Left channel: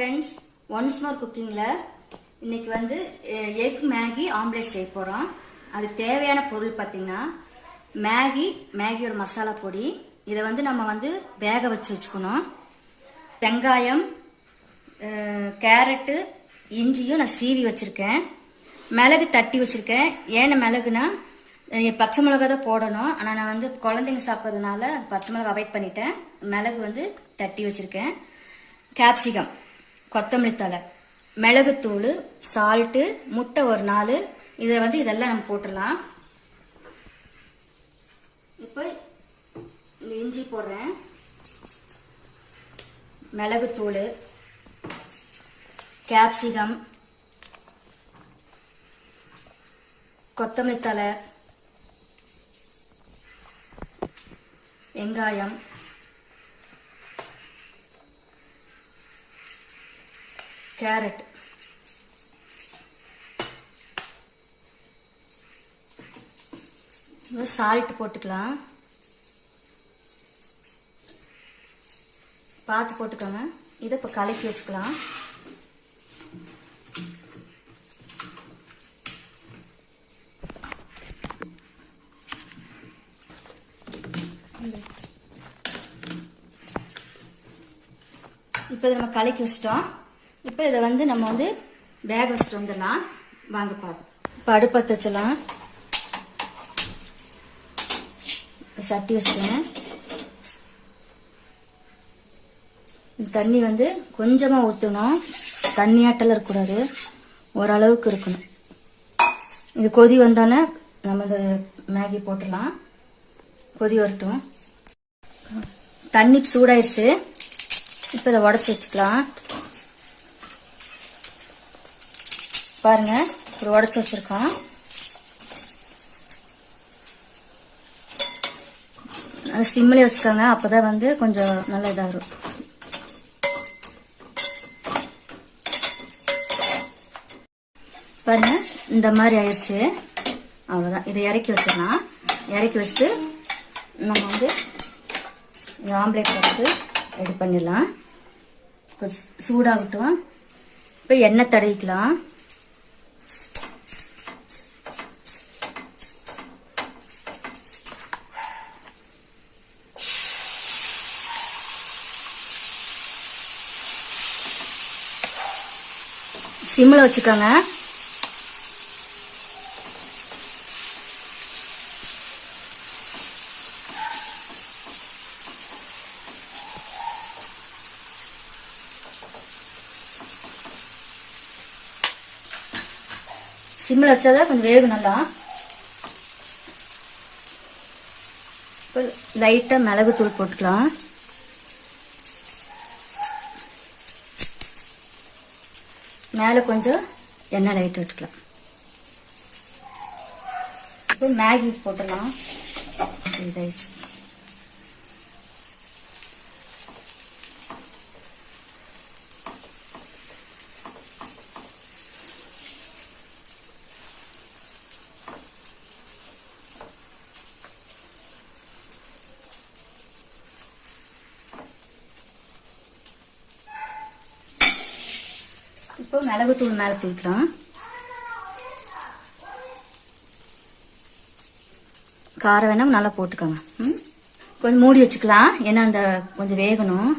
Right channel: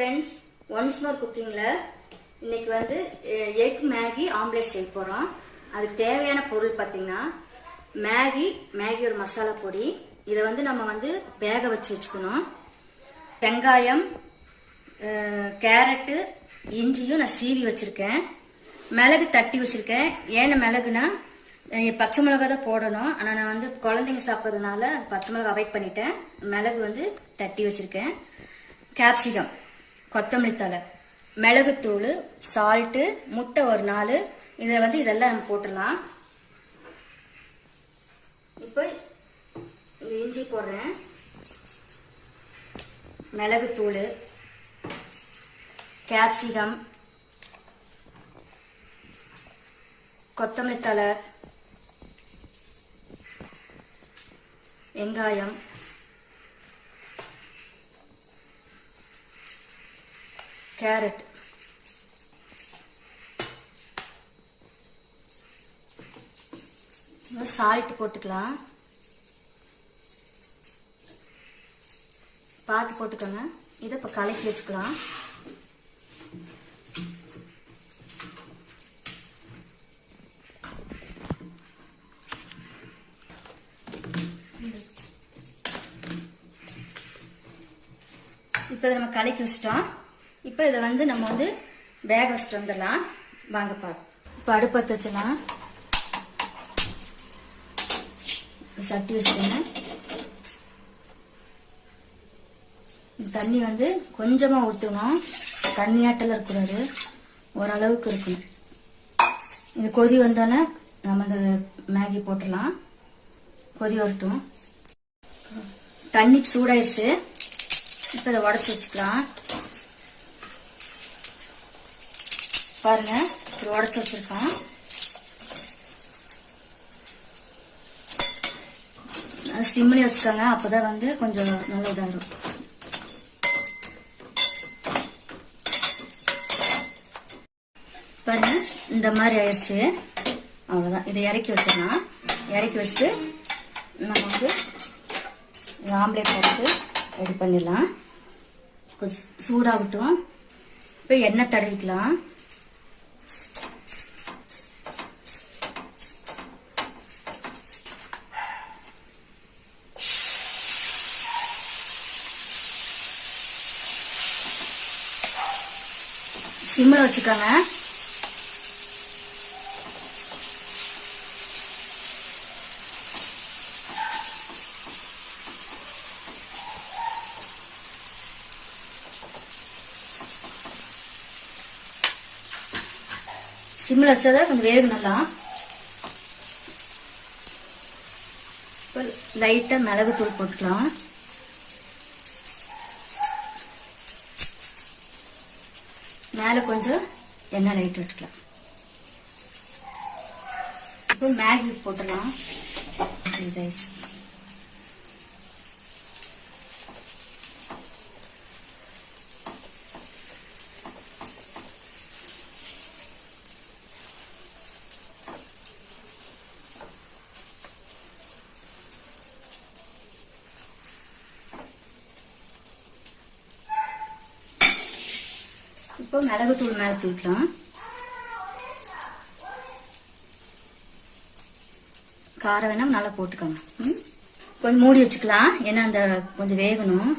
Friends once more குக்கிங்கில் இன்னைக்கு வந்து எக் மேகி ஆம்லேட் செய்ய போகிறோம் அதுக்கு தேவையான பொருள் பார்த்தீங்கன்னா மேகி மேகியோட மசாலா பொடி. இதை வந்து நம்ம வந்து வேக வச்சு வச்சுக்கணும். வெங்காயம் கேரட்டு இஞ்சியும் நான் சீவி வச்சுருக்கேன். மிளகு தட்டி வச்சுருக்கேன். ஏன்னா மிளகுனா பச்சை மிளகா தான் போடணும். ஆனால் நான் வந்து குழந்தைங்க சாப்பிட்றதுனால பச்சை மிளகா அவாய்ட் பண்ணிட்டேன். மிளகு வந்து தட்டி வச்சுருக்கேன். கேப்சிகம் கொத்தமல்லி தழை மிளகுத்தூள் சால்ட்டு முட்டை ஒரு நாலு. இதை வந்து இதெல்லாம் நம்ம போட்டுடலாம். இப்போ இந்த இஞ்சி போடுறேன். மிளகுத்தூள் கேப்சிகம் கொத்தமல்லி தழை வெங்காயம் கேரட். சால்ட் போட்டுக்கலாம். பார்த்து போட்டுக்கோங்க. இதை இப்போ கலக்கி வச்சுக்கலாம். இப்போ நம்ம கலக்கி வச்சிட்டோம். இப்போ இதை வந்து நம்ம வந்து பேக் வச்சுட்டு வந்துடலாம். வாங்க பார்ப்போம் இப்போ அடுப்பை தச்சலாம் சட்டி வச்சுக்கேன் தண்ணி வந்து கொஞ்சமாக ஊற்றணும் தண்ணியாட்டல இருக்கக்கூடாது. ஓரளவுக்கு இருக்கணும். இது கொதி வந்தோன்னே நம்ம இந்த மேகி போட்டுடலாம். கொதி வரட்டும். தண்ணி சூடாயிருச்சு. இப்போ இதை உடச்சி வச்சுக்கலாம். பாருங்க ஒரு உடச்சி வச்சிருக்கோம். சிம்மிலே வச்சுக்கோங்க அப்பதான் வந்து கொஞ்சம் நல்ல இதாக இருக்கும் பாருங்க இந்த மாதிரி ஆயிடுச்சு. அவ்வளோதான் இதை இறக்கி வச்சிடலாம். இறக்கி வச்சுட்டு நம்ம வந்து ஆம்லேட் போட்டு ரெடி பண்ணிடலாம். கொஞ்சம் சூடாகட்டும். இப்போ எண்ணெய் தடவிக்கலாம். சிம்மில் வச்சுக்கோங்க. சிம்மில் வச்சாதான் கொஞ்சம் வேக நல்லா லைட்டா லைட்டாக மிளகுத்தூள் போட்டுக்கலாம். மேலே கொஞ்சம் எண்ணெய் லைட் விட்டுக்கலாம். இப்போ மேகி போட்டுடலாம். இதாயிடுச்சு. இப்போ மிளகுத்தூள் மேலே தூக்கலாம் காரம் வேணா நல்லா போட்டுக்கோங்க. ம்? கொஞ்சம் மூடி வச்சுக்கலாம். ஏன்னா அந்த கொஞ்சம் வேகணும்.